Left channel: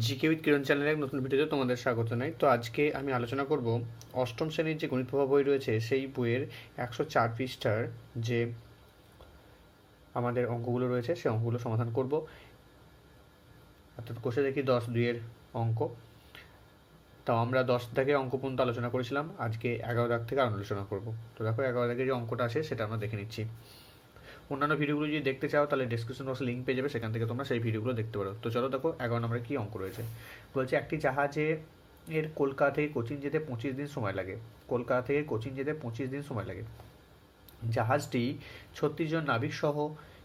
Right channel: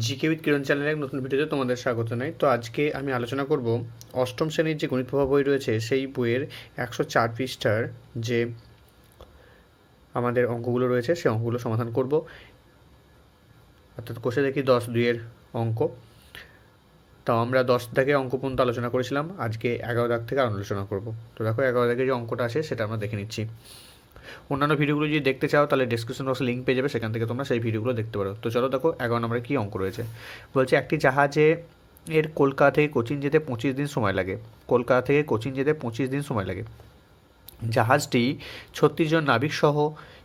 GK with কিরণ চ্যানেলে এক নতুন ভিডিওতে তোমাদের স্বাগত জানাই। তো আজকে আমি আলোচনা করব অষ্টম শ্রেণীর যে গণিত প্রভা বই রয়েছে সেই বইয়ের 104 পৃষ্ঠার যে আমাদের অঙ্কগুলো রয়েছে সেই অঙ্কগুলো সমাধান করব। অর্থাৎ কষে দেখি 10-2 অঙ্ক। তো আমরা 10 থেকে অঙ্ক পর্যন্ত আলোচনা করেছিলাম, আজকে 11 দাগ থেকে আলোচনা করব। তো দেখো 11 দাগে যে অঙ্কটা আসে সেটা আমরা দেখে নিচ্ছি। অন্যান্য ভিডিওগুলো যদি দেখতে চাও তাহলে ডেসক্রিপশন বক্সে লিঙ্ক পেয়ে যাবে, সেখান থেকে তোমরা সেই ভিডিওগুলো দেখতে পারো। তো চলো দেখো 11 নম্বরে কী অঙ্ক রয়েছে। বলছে একটি জাহাজে কলকাতা থেকে কোচিন যেতে 25 দিন সময় লাগে। কলকাতা থেকে কোচিন যেতে 25 দিন সময় লাগে। জাহাজটি 36 জন নাবিক সহ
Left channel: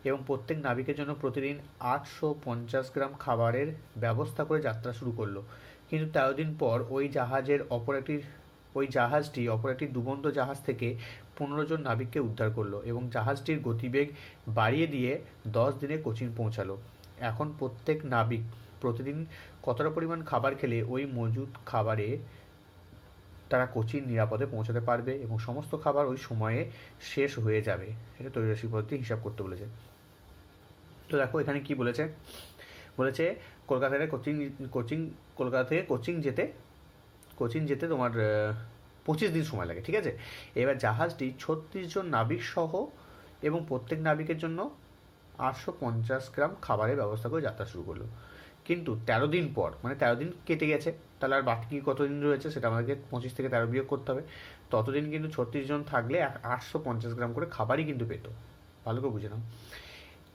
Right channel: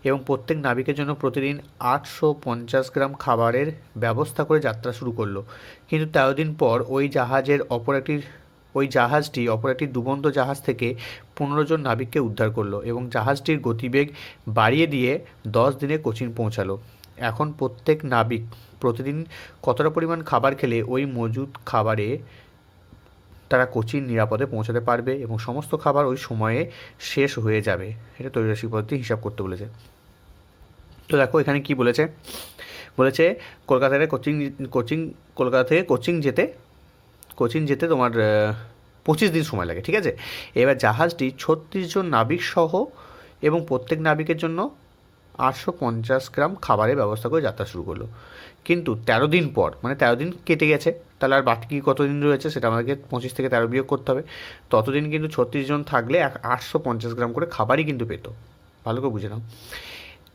এবং প্রত্যেক নাবিকের জন্য প্রতিদিন 850 গ্রাম খাবারের ব্যবস্থা করে যাত্রা শুরু করলো। কিন্তু 13 দিন পর ওই জাহাজটি অপর একটি ডুবন্ত জাহাজ থেকে 15 জন নাবিককে উদ্ধার করলো এবং জাহাজটির গতিবেগ বাড়িয়ে দিয়ে 10 দিনে কোচিন পৌঁছালো। এখন প্রত্যেক নাবিক প্রতিদিন কতটা পরিমাণ খাবার খেলে ওই মজুদ খাবারে তারা কোচিন নিরাপদে পৌঁছাতে পারবে এবং সমস্ত খাবার ওই সময়ে শেষ হয়ে যাবে। এটা ত্রৈরাশিক পদ্ধতি হিসাব করতে বলেছে। তো দেখো এখানে কি বলেছে, বলেছে কলকাতা থেকে কোচিন যেতে তোমার 25 দিন সময় লাগে, ঠিক আছে। এবার জাহাজটি 36 জন নাবিক সহ এবং প্রত্যেক নাবিকের জন্য 850 গ্রাম খাবারের ব্যবস্থা করে যাত্রা শুরু করলো। কিন্তু 13 দিন পর, মানে 13 দিন কেটে গেছে, তাহলে আর বাকি কতদিন রয়েছে সেটা আমাদেরকে 25 থেকে 13 বিয়োগ করতে হবে। ততদিন কিন্তু 36 জন থাকলে 850 গ্রাম করে খাবারই কিন্তু পেত। ভালো করে বুঝে নাও।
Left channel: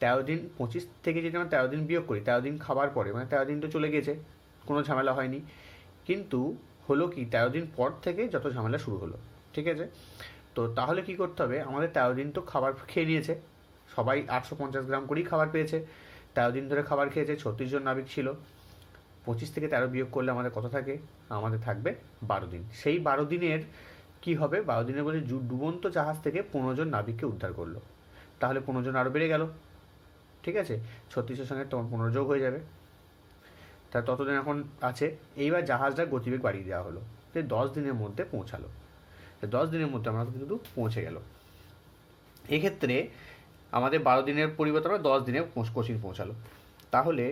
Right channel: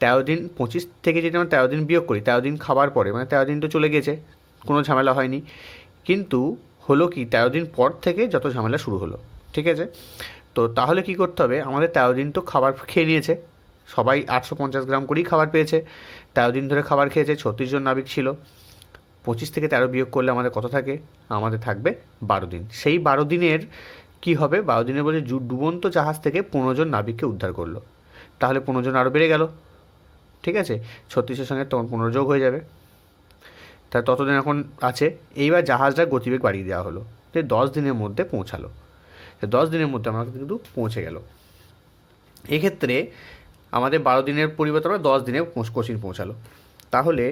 13 দিন 25 থেকে যদি আমরা 13 দিন বিয়োগ করি, 13 দিন খাবার পরে, মানে 13 দিন তো চলে গেছে, কোনো ঝামেলা হয়নি। কিন্তু হলো কি 13 দিন পর থেকে যত ঝামেলা শুরু হলো, ঠিক আছে। তো তাহলে কি করতে হবে, আমাদের 13 দিন তো খাবার খেয়ে নিয়েছে, সবাই 850 গ্রাম করেই খাবার পেয়েছে। 13 দিন ধরে খাবার খেয়েছে, 36 জন নাবিক ছিল। 25 থেকে 13 বিয়োগ করলে আমাদের কত থাকে, আমাদের থাকবে 12 দিন। সেই 12 দিনের কি হবে, 12 দিনের বলছে ডুবন্ত জাহাজ থেকে 15 জন নাবিককে উদ্ধার করলো। তাহলে 15 জন আরও বেড়ে গেল, ঠিক আছে। 36-এর সঙ্গে তখন 15 যোগ হয়ে যাবে, তাহলে ততদিন এখন আছে। এইবার জাহাজটার গতিবেগ বাড়িয়ে দেওয়া হলো, যে 10 দিনের মধ্যে পৌঁছালো। 10 দিনের মধ্যে আমরা কিন্তু পৌঁছে গেল। এক্ষেত্রে আমাদের 12 দিনের পরিবর্তে আমরা 10 দিনে কোচিন পৌঁছালো। তাহলে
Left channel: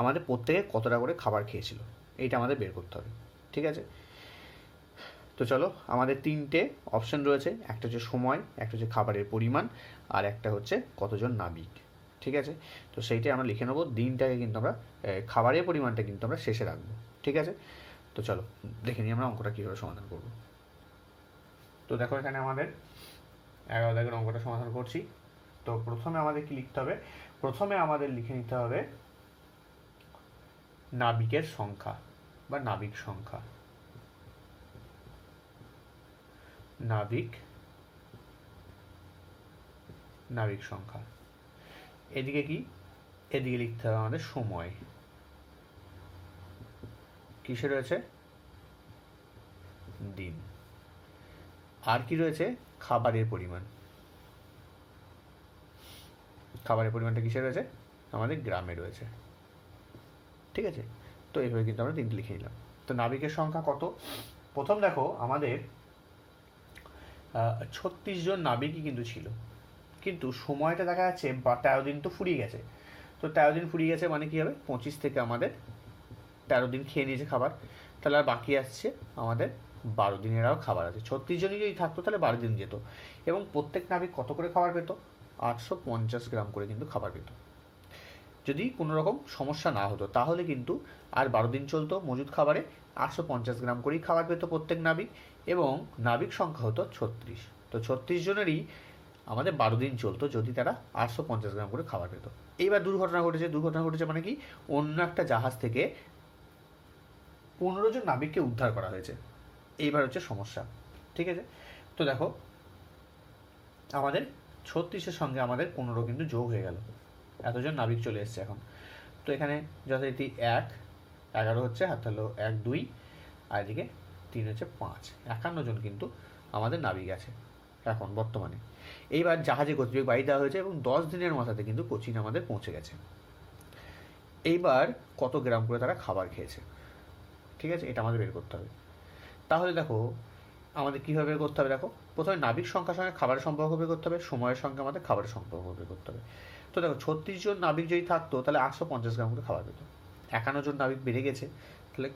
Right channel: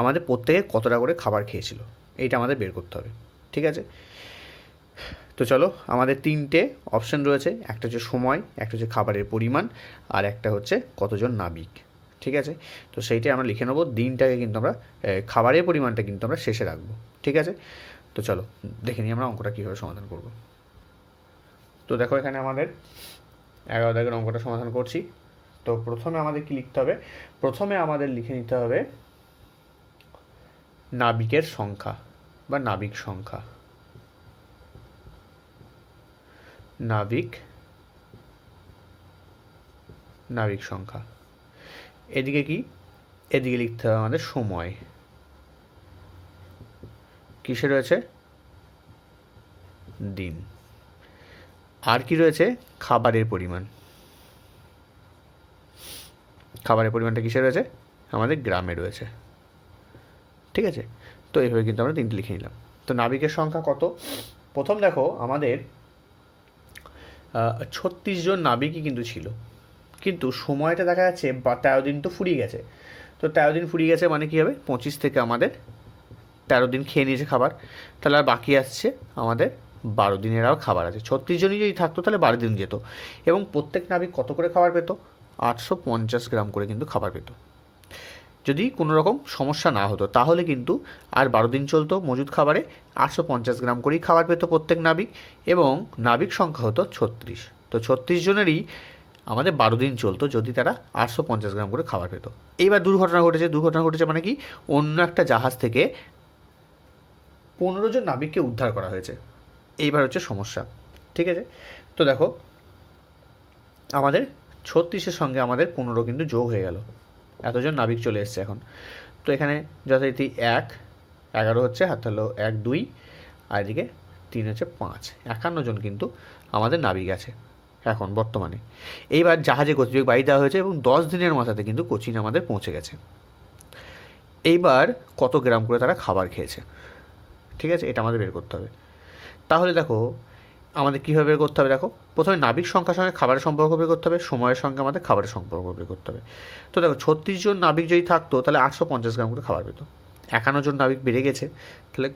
আমাদের প্রত্যেকে কতটা করে খাবার খেয়েছিল এইটা আমাদের বের করতে হবে, ঠিক আছে। তো চলো, আমাদের 3টে অপশান রয়েছে, একটা হচ্ছে সময়, একটা হচ্ছে খাবারের পরিমাণ, আর একটা হচ্ছে কতজন নাবিক, ঠিক আছে। তো সেইটাই আমরা লিখে নেবো। দিনটাকে কিন্তু আমরা খাবারের পরিমাণটা কিন্তু আমরা শেষে রাখবো, ঠিক আছে। তো চলো দেখে নিই আমরা অঙ্কটা কীভাবে সমাধান করব। তো দেখো এখানে আমাদের 11 দাগের অঙ্কটা সমাধান করছি। তো প্রথমে আমাদের কি লিখতে হবে, প্রথমে আমাদের লিখে নিতে হবে নাবিকের সংখ্যা বা নাবিক সংখ্যা। নাবিক সংখ্যা। এদিকে কি, এদিকে লিখতে হবে আমাদের সময়। কিসে রয়েছে, দিন। আর কি রয়েছে, খাবারের পরিমাণ। খাবারের পরিমাণটা কিসে রয়েছে, আমাদের গ্রামে রয়েছে, ঠিক আছে। তো এইভাবে কিন্তু আমরা 3টে লিখে নিলাম। তো নাবিকের সংখ্যা কত, প্রথম দেখো আমাদের 36 জন নাবিকই কিন্তু ছিল, কিন্তু সময়টা দেখা যাচ্ছে 13 দিন তো ফুরিয়ে গেছে। তো 13 দিন ফুরিয়ে গেছে মানে কী হবে, 25 থেকে আমাদের 13 দিন খেয়ে নিয়েছে খাবার, তাহলে আর বাকি আসছে আমাদের 12 দিনের আর খাবার আছে। 36 জনই যদি থাকতো তাহলে 12 দিন যেত, এবং প্রত্যেক নাবিক কত করে খাবার পেত, 850 গ্রাম করে কিন্তু খাবার পেত। যদি কোনো রকম সমস্যা না হতো তাহলে কিন্তু আর 12 দিন চলতো মজুদ খাবারে, 850 গ্রাম করেই খাবার পেত প্রত্যেক নাবিক, এবং নাবিক সংখ্যা হতো 36। তো 36 জনেরই আমাদের 12 দিন চলতো যদি তারা 850 গ্রাম করে খাবার পেত। এইবার দুর্ঘটনা ঘটেছে মানে কি, অন্য একটা জাহাজ থেকে 15 জন নাবিককে উদ্ধার করা হয়েছে। এইবার হচ্ছে সমস্যা, ঠিক আছে। তো দেখো আমাদের 36-এর সঙ্গে আমাদের 15 কিন্তু যোগ হয়ে গেল, এতজন নাবিক চলে এসছে এখন। তো এখানে যথারীতি 11 হচ্ছে, হাত হলো 1 2, আর এদিকে 3 হচ্ছে 5, 51 জন কিন্তু আমাদের নাবিক আছে এখন বর্তমানে। এইবার জাহাজে গতিবেগ বাড়িয়ে দেওয়া হয়েছে এবং 10 দিনের মাথাতে কিন্তু কোচিন আমাদের পৌঁছে গেছে। এইবার কত গ্রাম করে তারা খাবার খেয়েছে, ঠিক আছে, এটা আমাদের বের করতে হবে। তাহলে দেখো আমাদের কীভাবে বের করতে হবে, দেখো প্রথমে নাবিক সংখ্যার সঙ্গে খাবারের সম্পর্ক বের করতে হবে, সময়ের সঙ্গে আমাদের খাবারের সম্পর্ক বের করতে হবে। তো দেখো 36 জন নাবিক যদি থাকতো তাহলে 850 গ্রাম করে খাবার পেত। 51 জন নাবিক বেড়ে গেছে, তাহলে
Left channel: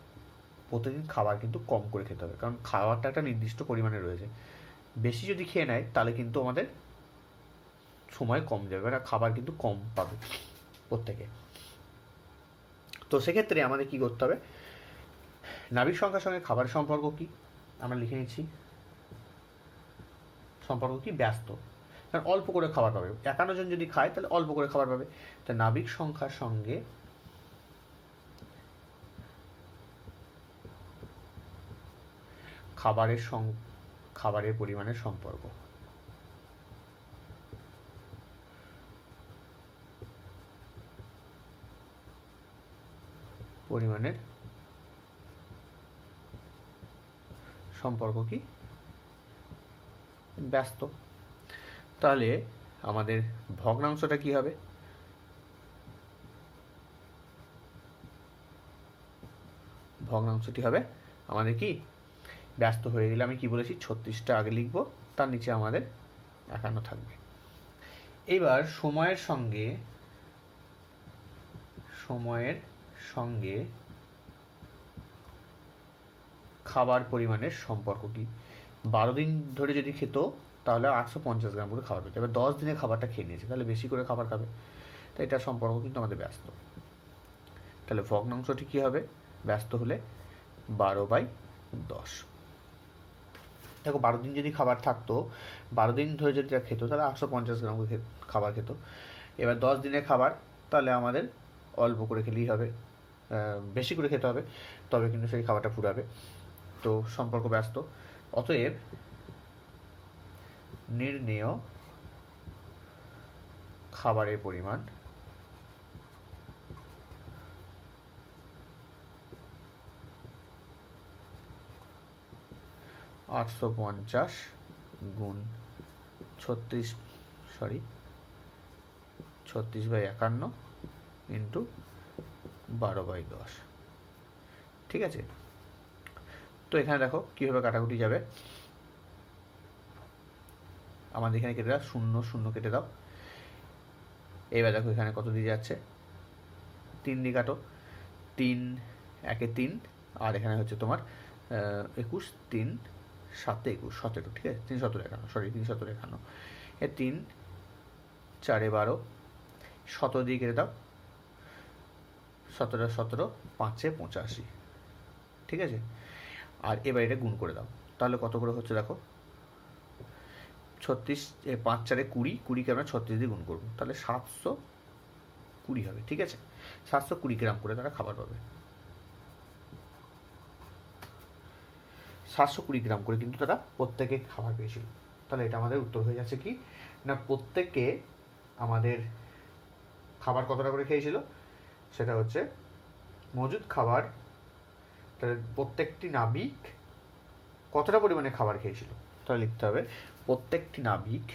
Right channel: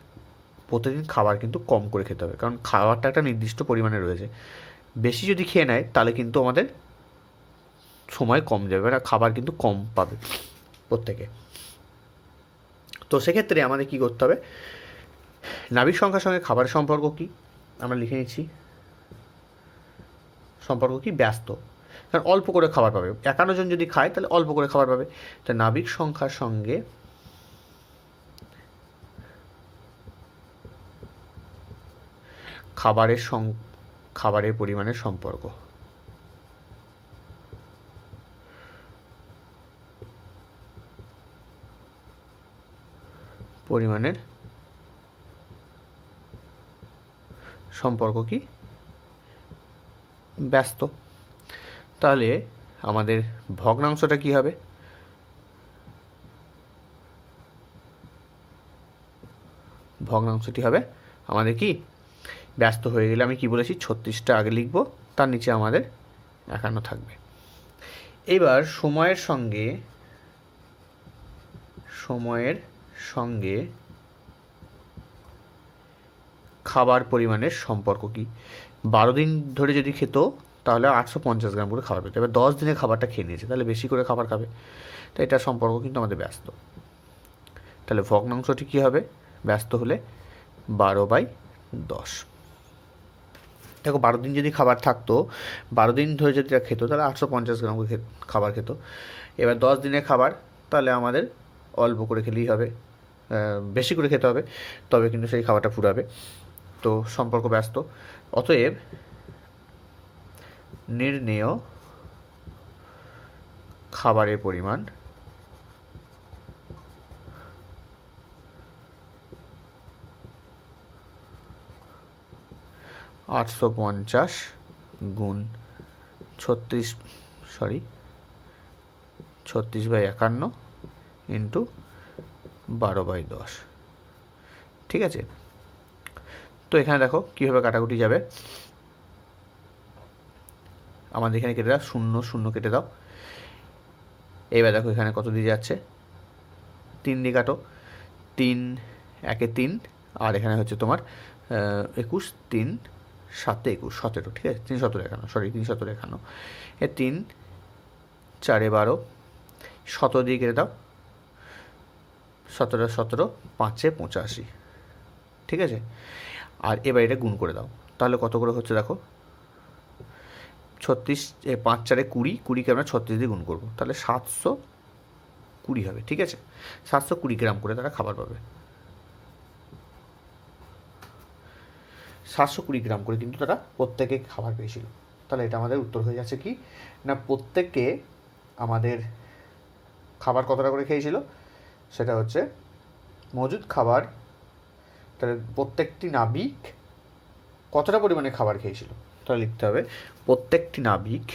প্রতিদিন খাবার কিন্তু কম করে খেতে হবে, কারণ খাবারটা একটা নির্দিষ্ট পরিমাণে রয়েছে। বেশি যদি খেয়ে নেয় তাহলে কিন্তু আমাদের সময় কম যাবে, না খাবার কিন্তু কম পাবে প্রত্যেকে। তো সেক্ষেত্রে আমাদের কী করতে হবে, নাবিক সংখ্যার সঙ্গে খাবারের সম্পর্ক কী আমরা লিখে নিচ্ছি। সম্পর্ক কি? ব্যস্ত, কারণ অল্প করে খাবার পাবে। 51 জন যদি খায় তাহলে অল্প করে খাবার পাবে। তা নাবিক সংখ্যার সঙ্গে খাবারের পরিমাণের সম্পর্ক। পরিমাণের সম্পর্ক কি? ব্যস্ত। তাহলে আমাদের ভগ্নাংশটা কি হবে? ভগ্নাংশটি হবে আমাদের কি? ব্যস্ত হয়ে গেলে আমি কি বলেছি, 36টা আগে লিখব, তার নিচে আমাদের 51 থাকবে। এবার সময়ের সঙ্গে খাবার পরিমাণের সম্পর্ক কি? 12 দিন ধরে যদি খেত তাহলে 850 গ্রাম করে খাবার পেত। এবার 10 দিনে খাবারটা খেয়ে নিয়েছে, তাহলে বেশি করে খাবার খাবে, তো এটার সম্পর্ক কিন্তু আমাদের ব্যস্ত। তাহলে ভগ্নাংশটি কী হবে? ব্যস্ত হলে 12/10। দেখো 12 দিন যদি খাবার থাকতো, 12 দিন ধরে যদি খেত তাহলে 850 গ্রাম করে খাবার খেত। এবার 10 দিনের খাবার, তাহলে আমাদের অল্প করে খেলেই হবে, বেশি করে খেতে হবে, তবে কিন্তু সেই খাবারটা ফুরাবে। তো সম্পর্ক ব্যস্ত। অতএব নির্ণেয় খাবারের পরিমাণ 850 গুণ 36/51 ইন্টু 12/10। ঠিক আছে, তো এখানে দেখো কীভাবে কাটাকুটি যাবে। আমাদের এখানে কেটে দাও, 0 0 কেটে দাও। এবার দেখো এখানে কত দিয়ে যাচ্ছে, 3 দিয়ে কাটো, 3 1 3, আর এখানে হচ্ছে তোমার 21, 3 7 21 17, ঠিক আছে, 3 17 51, সরি 3 17 51, 3 4 12, 17 দিয়ে কেটে দাও, 17 17, 5 85, ঠিক আছে। আর এবার এটা গুণ করে দাও, তাহলে কত করে হচ্ছে দেখো, 36, 5 4 20, 20কে আমরা 36 দিয়ে গুণ করবো, তাহলে 720 হবে, ঠিক আছে। 720 গ্রাম করে তারা খাবার পাবে, 720 গ্রাম করে কিন্তু তারা প্রত্যেকে খাবার পেয়েছিল। তাহলে এটা আমাদের উত্তর হয়ে যাচ্ছে কি না, প্রত্যেককে আমাদের খাবার কতটা করে খেয়েছিল, সেটা হচ্ছে মজুদ খাবার, তাহলে প্রত্যেকটি নাবিক কতটা পরিমাণে খাবার খেয়েছিল, তাহলে লিখতে হবে প্রত্যেকটি নাবিক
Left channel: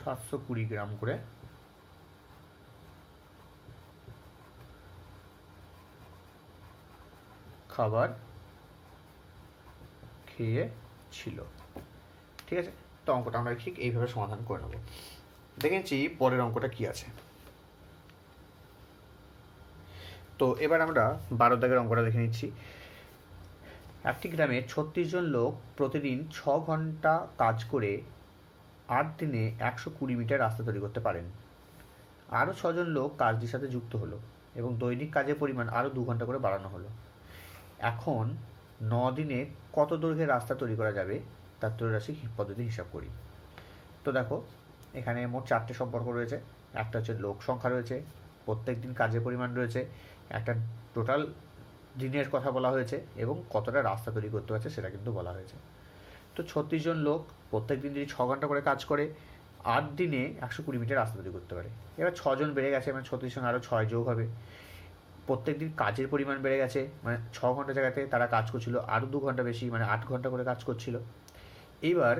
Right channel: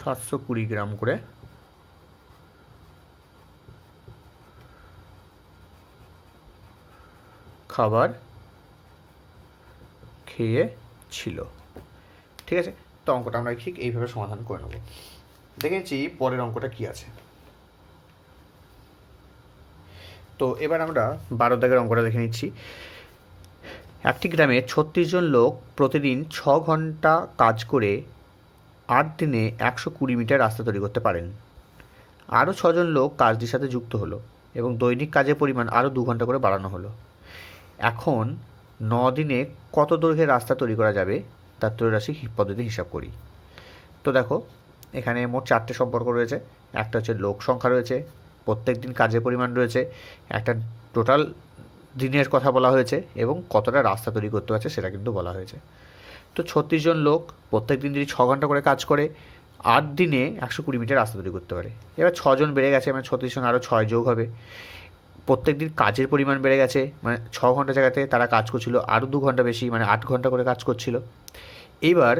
$720 গ্রাম করে খাবার খেয়েছিল, ঠিক আছে। তো অঙ্কটা আমরা ঠিক এইভাবে সমাধান করে নেব। দেখেছি পরের অঙ্কটা কি আছে। তো এবার আমরা 12 দাগের অঙ্কটা দেখে নিচ্ছি। একটি গ্রামে 36 জন লোক প্রতিদিন 6 ঘন্টা কাজ করে 8 দিনে 120 মিটার রাস্তা তৈরি করতে পারেন। আরও 6 জন লোক কাজটির সাথে যুক্ত হলো এবং দৈনিক কাজের পরিমাণ আরও 2 ঘন্টা করে বাড়ানো হলো। এখন 9 দিনে কত দৈর্ঘ্যের রাস্তা তৈরি করা যাবে তার ত্রৈরাশিক পদ্ধতি হিসাব করি। তো দেখো এখানে মোট 4টে সম্পর্ক রয়েছে। একটা হচ্ছে লোক সংখ্যা রয়েছে, প্রত্যেক দিন কাজের পরিমাণ রয়েছে, একটা টোটাল দিনের কথা বলা হয়েছে এবং কতটা রাস্তা তৈরি করতে পারছে সেটা কিন্তু বলা হয়েছে। তো 36 জন লোক প্রত্যেক দিন যদি 6 ঘন্টা করে কাজ করে 8 দিনে 120 মিটার রাস্তা তৈরি করতে পারে। এবার 6 জন বেড়ে গেছে, মানে 36 জন আরও 6 যোগ হবে। প্রত্যেক দিন কাজের পরিমাণ বেড়ে গেছে, মানে 6 ঘন্টা জায়গাতে তারা কাজ করছিল আরও 2 ঘন্টা বেশি, মানে 8 ঘন্টা করে কাজ করছিল। এইবার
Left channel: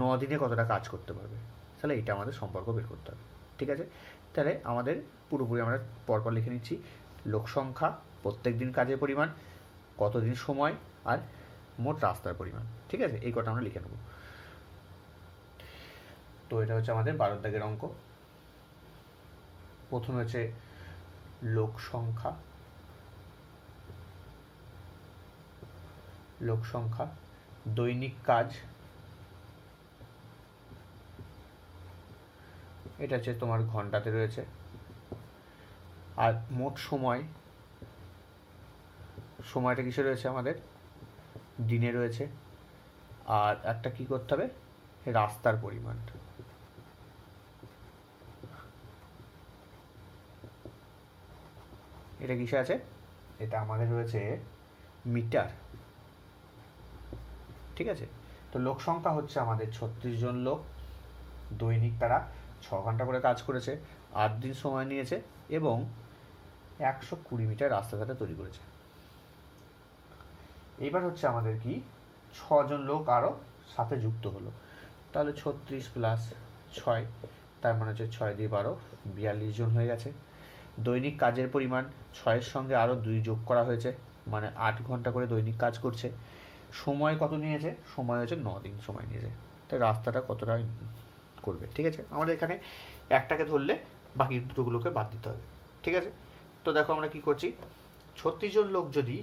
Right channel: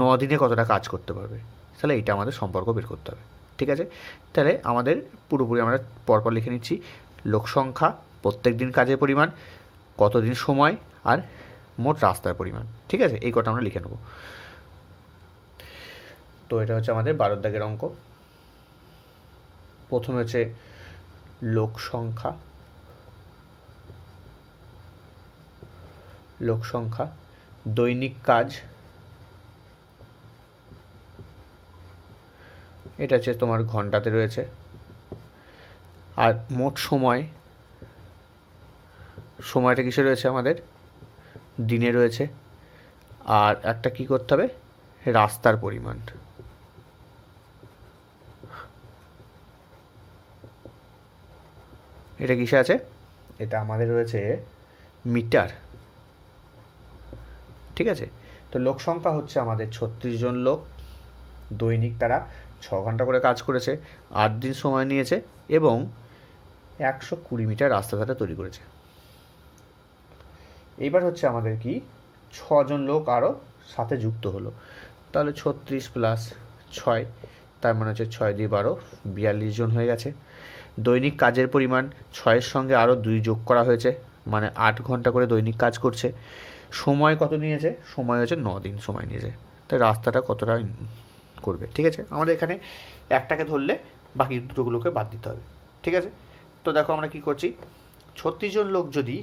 9 দিনে কতটা কাজ করতে পারবে, তাহলে এটা আমাদের সম্পর্ক বের করতে হবে, ঠিক আছে। তাহলে আমাদের পুরোপুরি আমরা পরপর লিখে নিচ্ছি। লোক সংখ্যা প্রত্যেক দিন কাজের পরিমাণ, কতদিন সময়, আর মোট রাস্তার পরিমাণ। ঠিক আছে, এই কটা আমরা লিখে নেব। তো এটা হচ্ছে আমাদের 12 দাগের অঙ্ক। প্রথমে হচ্ছে লোক সংখ্যা, দৈনিক কাজ, এটা হচ্ছে তোমার ঘন্টাতে রয়েছে, আর মোট সময়টা কিসে রয়েছে আমাদের, দিনে রয়েছে, আর একটা কি করতে হবে, রাস্তার পরিমাণ। এটা কিসে আছে, এটা আমাদের রয়েছে মিটার। ঠিক আছে, তো লোক সংখ্যা হচ্ছে আমাদের 36 জন লোক, দৈনিক তারা 6 ঘন্টা করে কাজ করেছে, 8 দিন সময় নিয়েছে এবং 120 মিটার রাস্তা তারা তৈরি করেছে। এইবার হচ্ছে আমাদের কি 6 জন লোক আরও সাথে যুক্ত হলো, তাহলে 36 প্লাস 6, তার মানে হচ্ছে 6 দিয়ে 12, 42 জন হয়ে গেছে। দৈনিক কাজের পরিমাণ 6-এর সঙ্গে আরও 2 যোগ করা হয়েছে, মানে 8 ঘন্টা করে দৈনিক কাজ করছে। সময় কত নিয়েছে, সময় হচ্ছে 9 দিন সময় নিয়েছে। তাই রাস্তাটা কতটা করবে। ঠিক আছে, আমাদের এখানে একটাকে ধরলে বাকি দুটোগুলোকে বাদ দিতে হবে। ঠিক আছে, তো দেখো আমরা কি করছি, 36 জন লোক যদি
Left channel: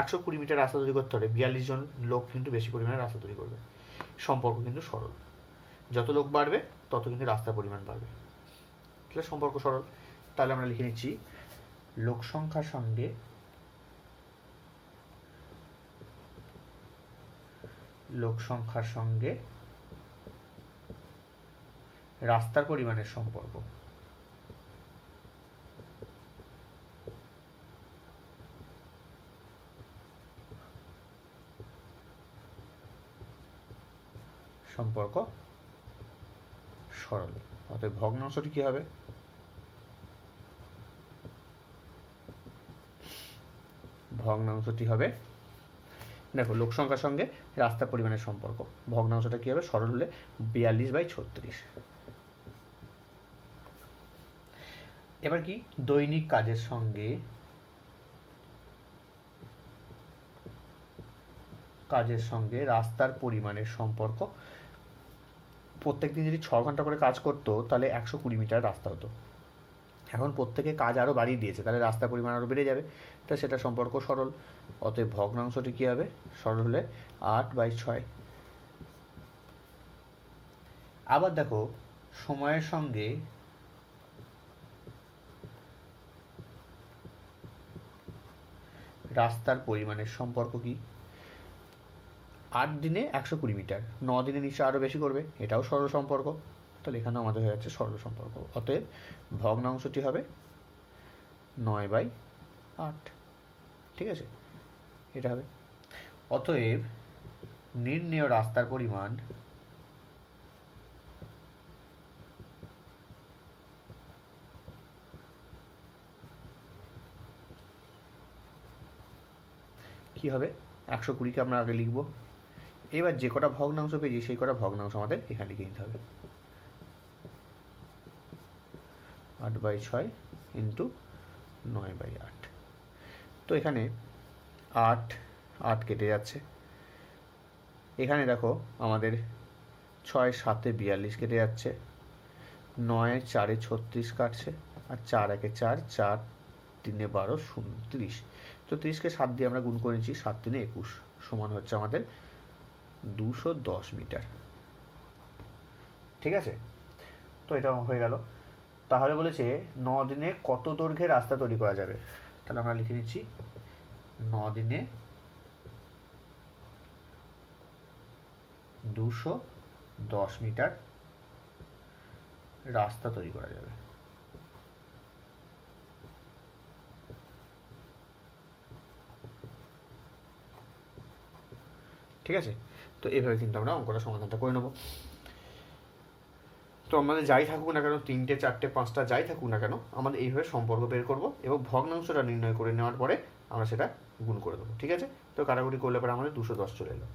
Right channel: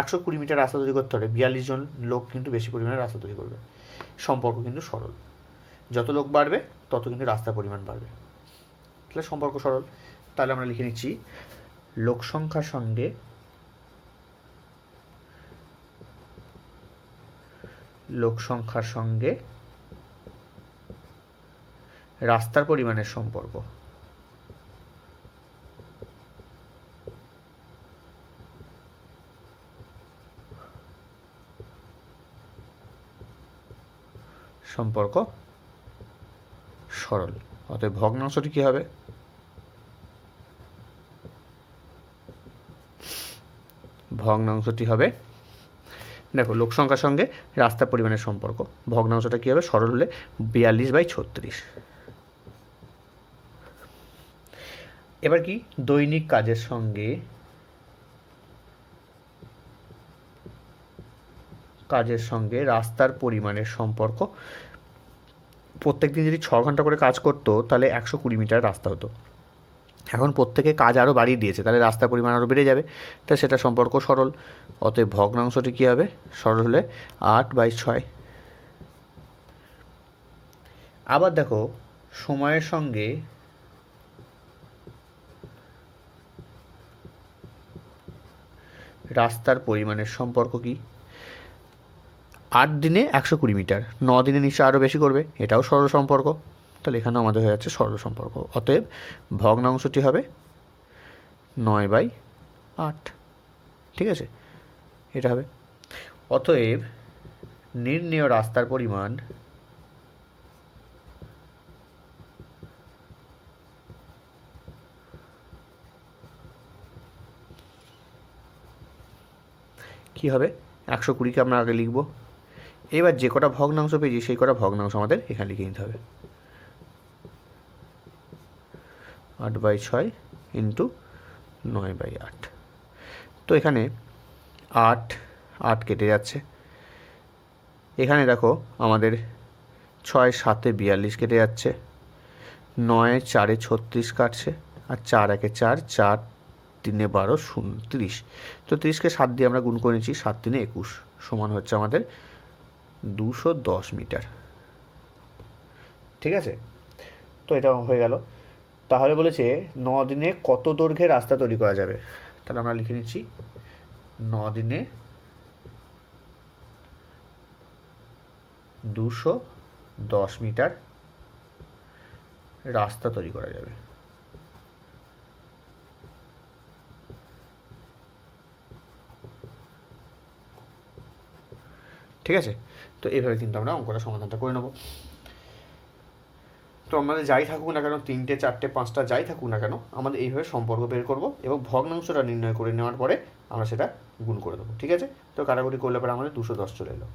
120 মিটার রাস্তা তৈরি করতে হবে, 42 জন লোক কিন্তু বেশি পরিমাণে রাস্তা তৈরি করবে। সম্পর্ক কিন্তু সরল, যত লোক বাড়বে তত কিন্তু রাস্তার পরিমাণ বাড়বে, তাহলে সম্পর্ক সরল। তাহলে আমরা লিখে নিচ্ছি লোক সংখ্যার সঙ্গে রাস্তার পরিমাণের সম্পর্ক। সরল, অতএব ভগ্নাংশটি কি হবে, দেখো লোক সংখ্যার সঙ্গে রাস্তার পরিমাণের সম্পর্ক, ভগ্নাংশটা কি হবে, সরল হলে 42/36। এবার কি দৈনিক কাজের সঙ্গে রাস্তার পরিমাণের সম্পর্ক। প্রত্যেক দিন যদি 6 ঘন্টা করে কাজ করতো তাহলে 120 মিটার রাস্তা হতো। এখন প্রত্যেকে কাজ আরও বাড়িয়ে দিয়েছে, তাহলে রাস্তার পরিমাণ আরও বেড়ে যাবে, তাই সেটা সম্পর্ক সরল। অতএব ভগ্নাংশটি কী হবে, সরল হলে 8/6। আবার দেখো সময়ের সঙ্গে রাস্তার পরিমাণের সম্পর্ক কি, 8 দিনে 120 মিটার, 9 দিনে নিশ্চয় আরও বেশি করবে, এটাও সরল সম্পর্ক। তাহলে এখানেও আমাদের হয়ে যাচ্ছে সরল সম্পর্ক। অতএব ভগ্নাংশটি হবে 9/8। ঠিক আছে, এটা হবে। অতএব নির্ণেয় রাস্তার পরিমাণ কি হবে, 120কে আমরা আগে লিখব। এবার যে কটা ভগ্নাংশ পেয়েছি সেই কটা ভগ্নাংশ আমাদের এখানে লিখে নিতে হবে, 8/6 ইন্টু 9/8। তো এখানে 8 কেটে যাচ্ছে, এখানে দেখো আমাদের 6 7 42 কেটে যাচ্ছে, 9 4 36 কাটছে, আর 4 1 4, 4 3 12, 0 30। তো 30কে 7 দিয়ে আমরা গুণ করে নিচ্ছি, 7 3 21 সমান হচ্ছে আমাদের 210 মিটার। ঠিক আছে, তো এটা হয়ে গেল। তাহলে বলেছে 9 দিনে কত দৈর্ঘ্যের রাস্তা তৈরি করা যাবে, তাহলে আমরা লিখে নিচ্ছি 9 দিনে 210 মিটার রাস্তা তৈরি করা যাবে। ঠিক আছে, তো এইভাবে কিন্তু আমরা অঙ্কটা সমাধানটা করে নেব। তো আমাদের যাই থাকুক না কেন, 3টে 4টে 5টা যাই থাকুক না কেন, আমাদের এইভাবে সম্পর্ক বের করব এবং ভগ্নাংশটা নির্ণয় করে নেওয়ার পরে আমরা সেটা গুণ করে দেবো। ঠিক আছে, তো কাটাকুটি করলে পরে আমাদের 210 চলে এলো।